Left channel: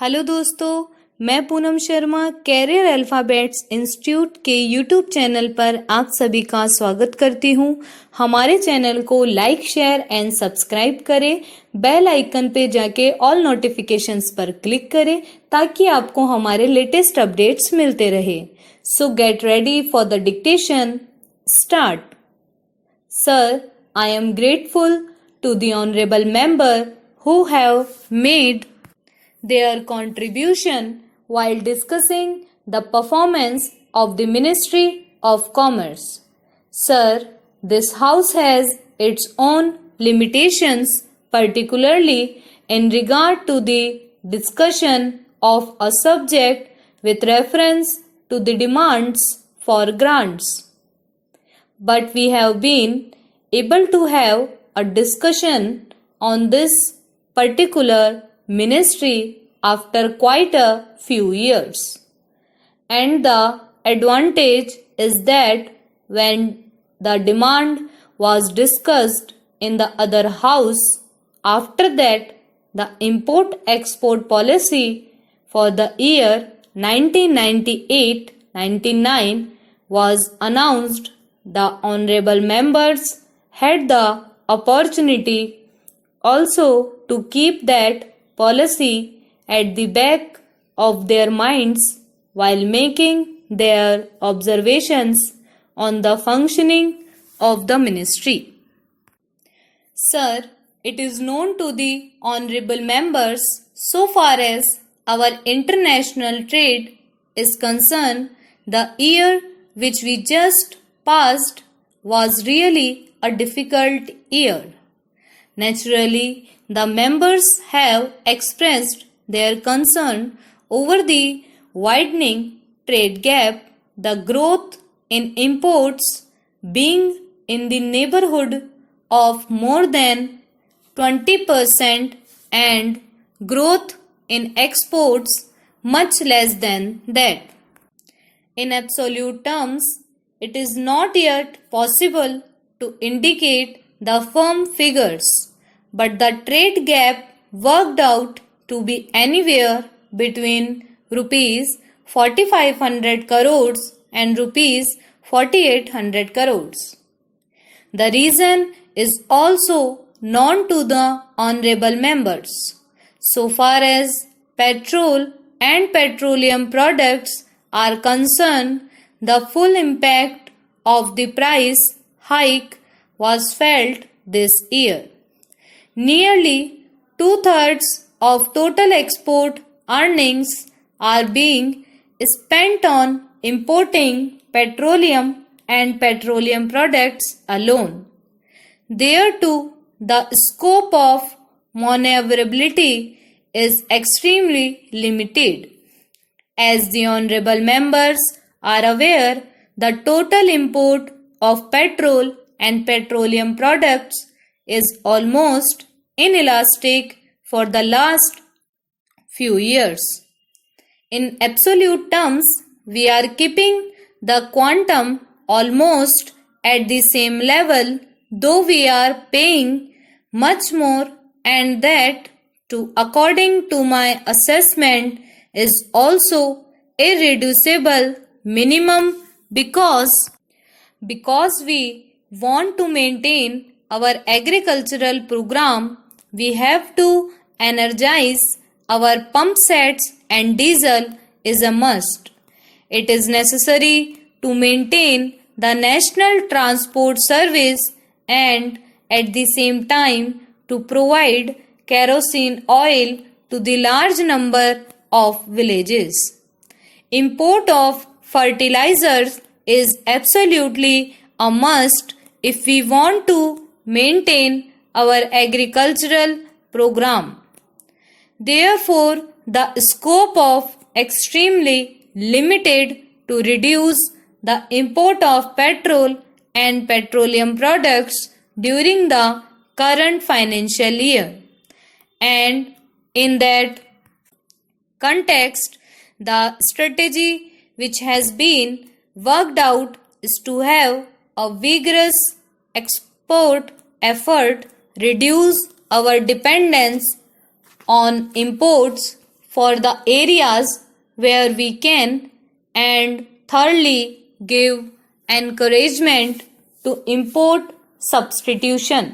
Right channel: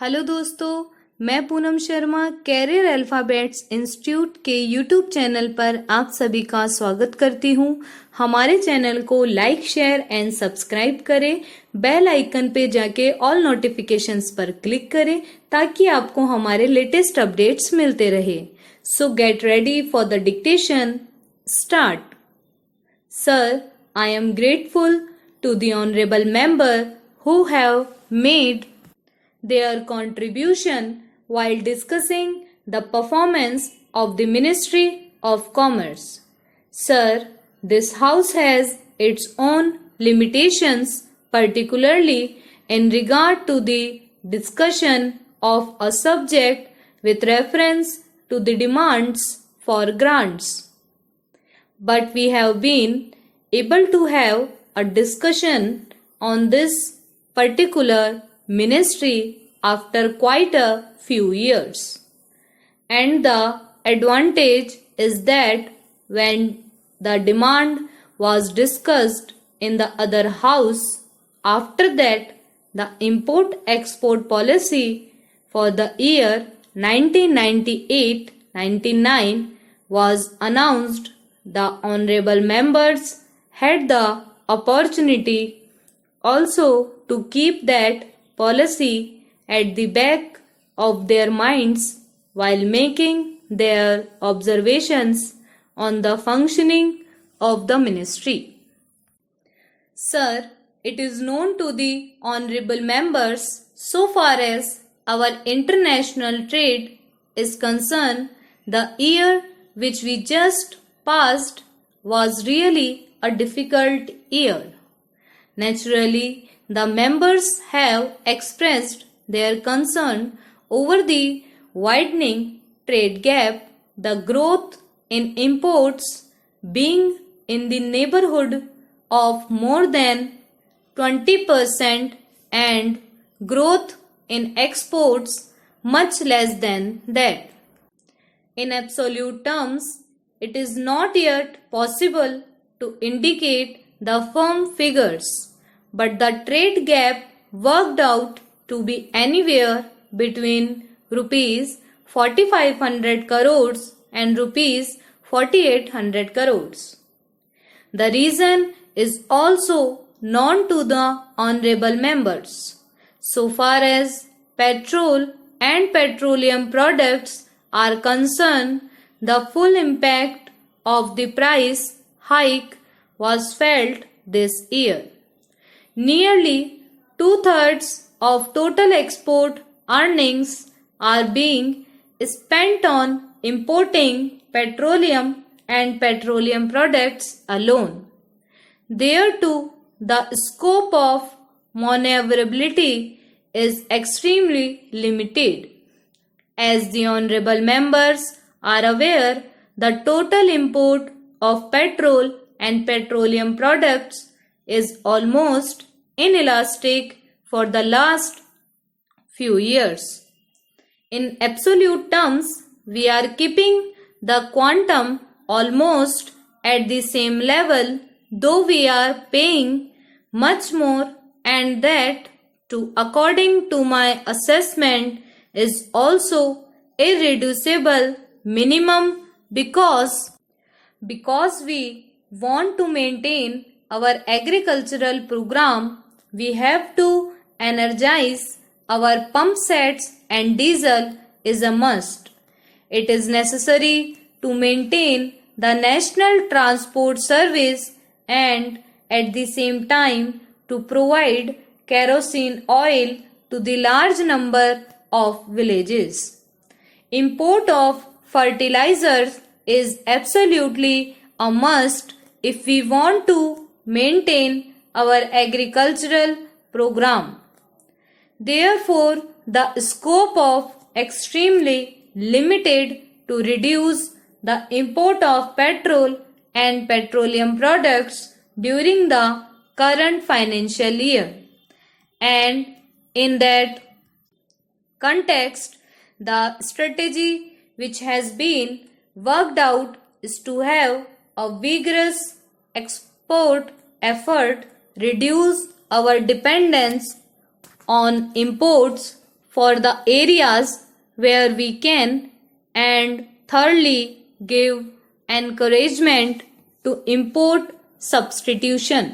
Hello दोस्तों, मैं Poonam Sharma career alphabets institute के यूट्यूब चैनल पर आप सभी का स्वागत करती हूं। हमारे चैनल को लाइक, शेयर एंड सब्सक्राइब करें। बेल आइकन पे जाके ऑल नोटिफिकेशंस पर क्लिक करें ताकि आपको हमारे लेटेस्ट अपडेट्स मिलते रहे। सो get ready for the dictation. Start. Sir, I am grateful to the honorable member who have made their contribution while discussing the performance of the Ministry of Commerce. Sir, this house has its own limitations, particularly in regard to the discussion of a subject with reference to the demands for grants. But we have been able to have a discussion on this particular ministry after quite a few years. And the advantage is that when the demand was discussed in the other house, after that the import-export policy for the year 1998-99 was announced. The honorable members had the opportunity also to keep that policy at the back of their minds while making their observations on the functioning of the ministry. Sir, it is known to the honorable members, so far as our international trade is concerned, the year which we just past was really a difficult year. Naturally, the members have expressed their concern over the widening trade gap, the growth in imports being in the neighborhood of more than 20% and growth in exports much less than that. In absolute terms, it is not yet possible to indicate the firm figures, but the trade gap worked out to be anywhere between rupees 4500 crores and rupees 4800 crores. The reason is also known to the honorable members. So far as petrol and petroleum products are concerned, the full impact of the price hike was felt this year. Nearly two-thirds of total export earnings are being spent on importing petroleum and petroleum products alone. Thereto, the scope of maneuverability is extremely limited. As the honorable members are aware, the total import of petrol and petroleum products is almost inelastic for the last few years. In absolute terms, we are keeping the quantum almost at the same level, though we are paying much more, and that too, according to my assessment, is also irreducible minimum because we want to maintain our agricultural program. We have to energize our pump sets and diesel is a must. It is necessary to maintain the national transport service and at the same time to provide kerosene oil to the large number of villages. Import of fertilizers is absolutely a must if we want to maintain our agricultural program. Therefore, the scope of extremely limited to reduce the import of petrol and petroleum products during the current financial year. And in that context, the strategy which has been worked out is to have a vigorous export effort, reduce our dependence on imports for the areas where we can, and thirdly, give encouragement to import substitution.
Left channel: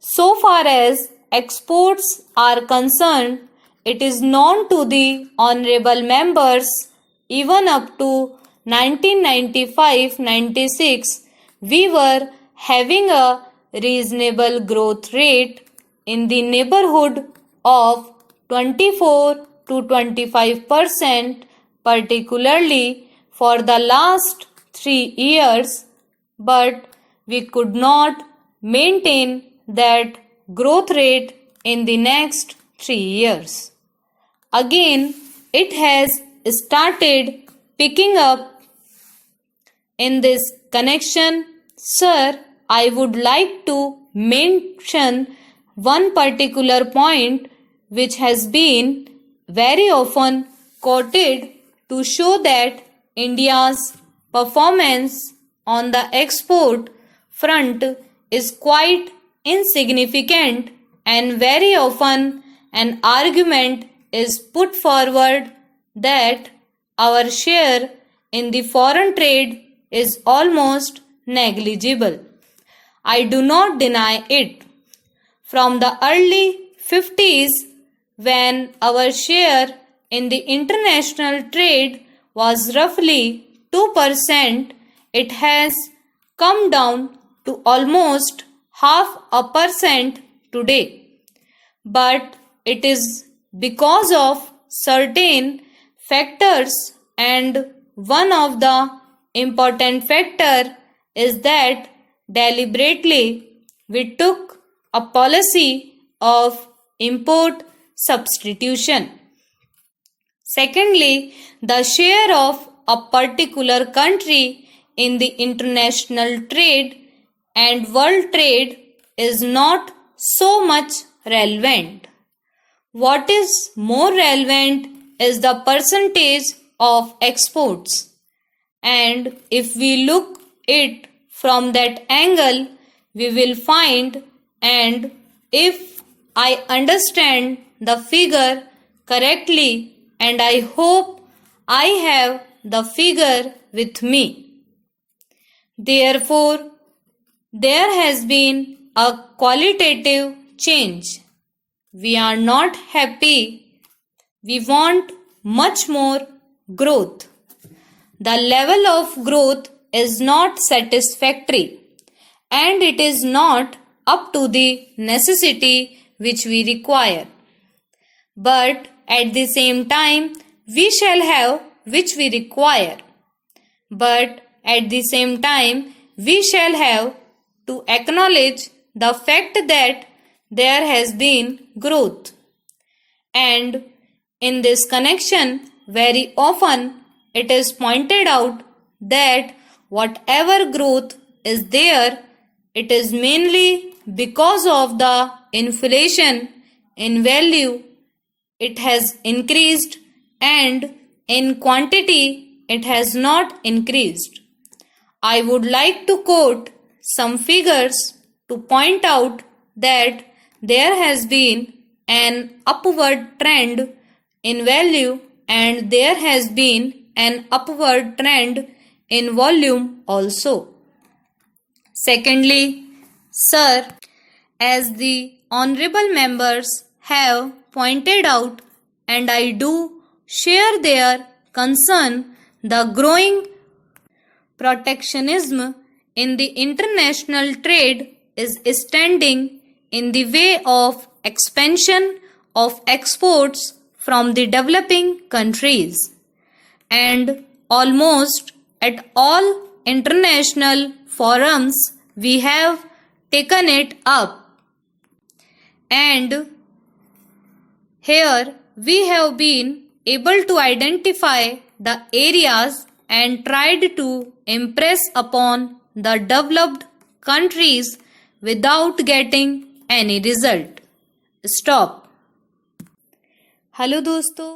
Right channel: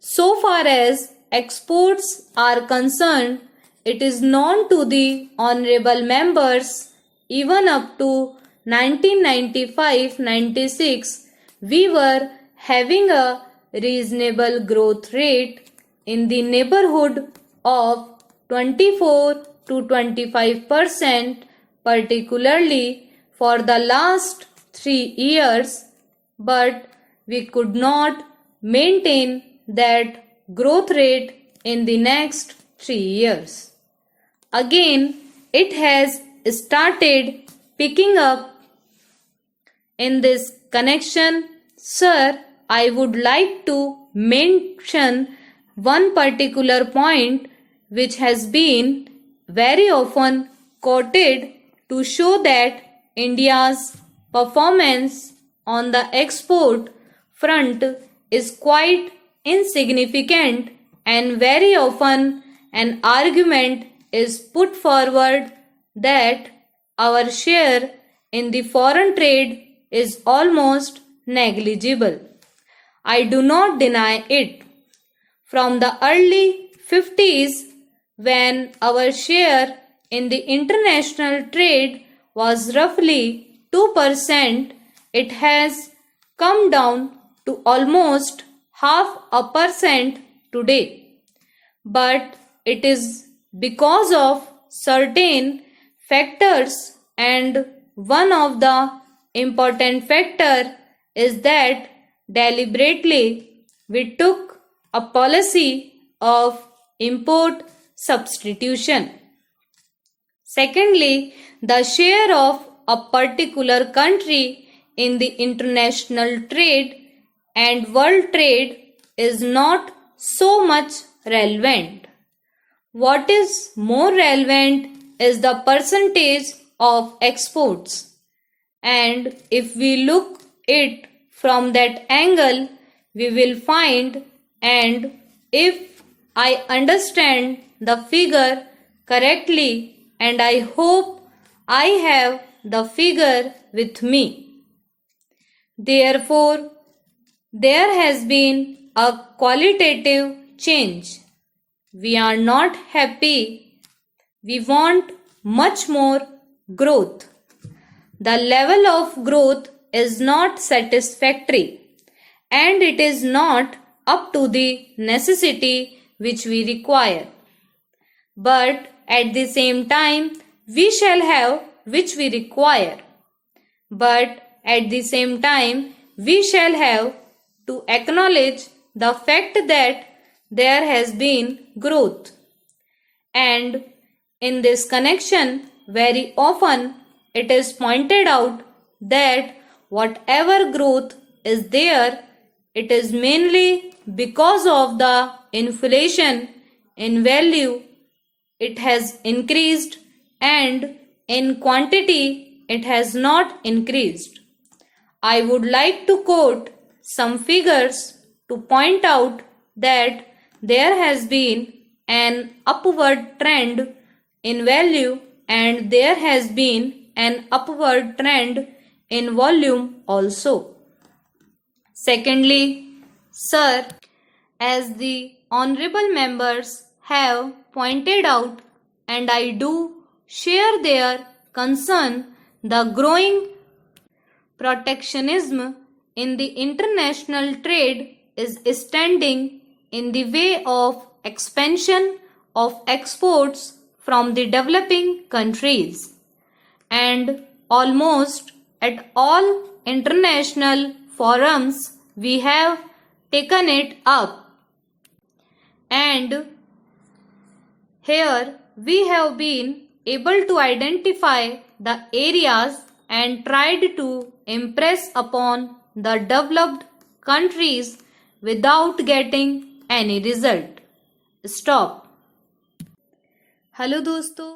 So far as exports are concerned, it is known to the honorable members even up to 1995-96 we were having a reasonable growth rate in the neighborhood of 24 to 25%, particularly for the last 3 years, but we could not maintain that growth rate in the next 3 years. Again, it has started picking up. In this connection, sir, I would like to mention one particular point which has been very often quoted to show that India's performance on the export front is quite insignificant, and very often an argument is put forward that our share in the foreign trade is almost negligible. I do not deny it. From the early 50s, when our share in the international trade was roughly 2%, it has come down to almost 0.5% today. But it is because of certain factors, and one of the important factor is that deliberately we took a policy of import substitution. Secondly, the share of a particular country in the international trade and world trade is not so much relevant. What is more relevant is the percentage of exports. And if we look it from that angle, we will find, and if I understand the figure correctly, and I hope I have the figure with me. Therefore, there has been a qualitative change. We are not happy. We want much more growth. The level of growth is not satisfactory, and it is not up to the necessity which we require. But at the same time, we shall have which we require. But at the same time, we shall have to acknowledge the fact that there has been growth. And in this connection, very often it is pointed out that whatever growth is there, it is mainly because of the inflation in value. It has increased, and in quantity it has not increased. I would like to quote some figures to point out that there has been an upward trend in value, and there has been an upward trend in volume also. Secondly, sir, as the honorable members have pointed out, and I do share their concern, the growing protectionism in the international trade is standing in the way of expansion of exports from the developing countries. And almost at all international forums we have taken it up. And here we have been able to identify the areas and tried to impress upon the developed countries without getting any result. Stop. Hello दोस्तों,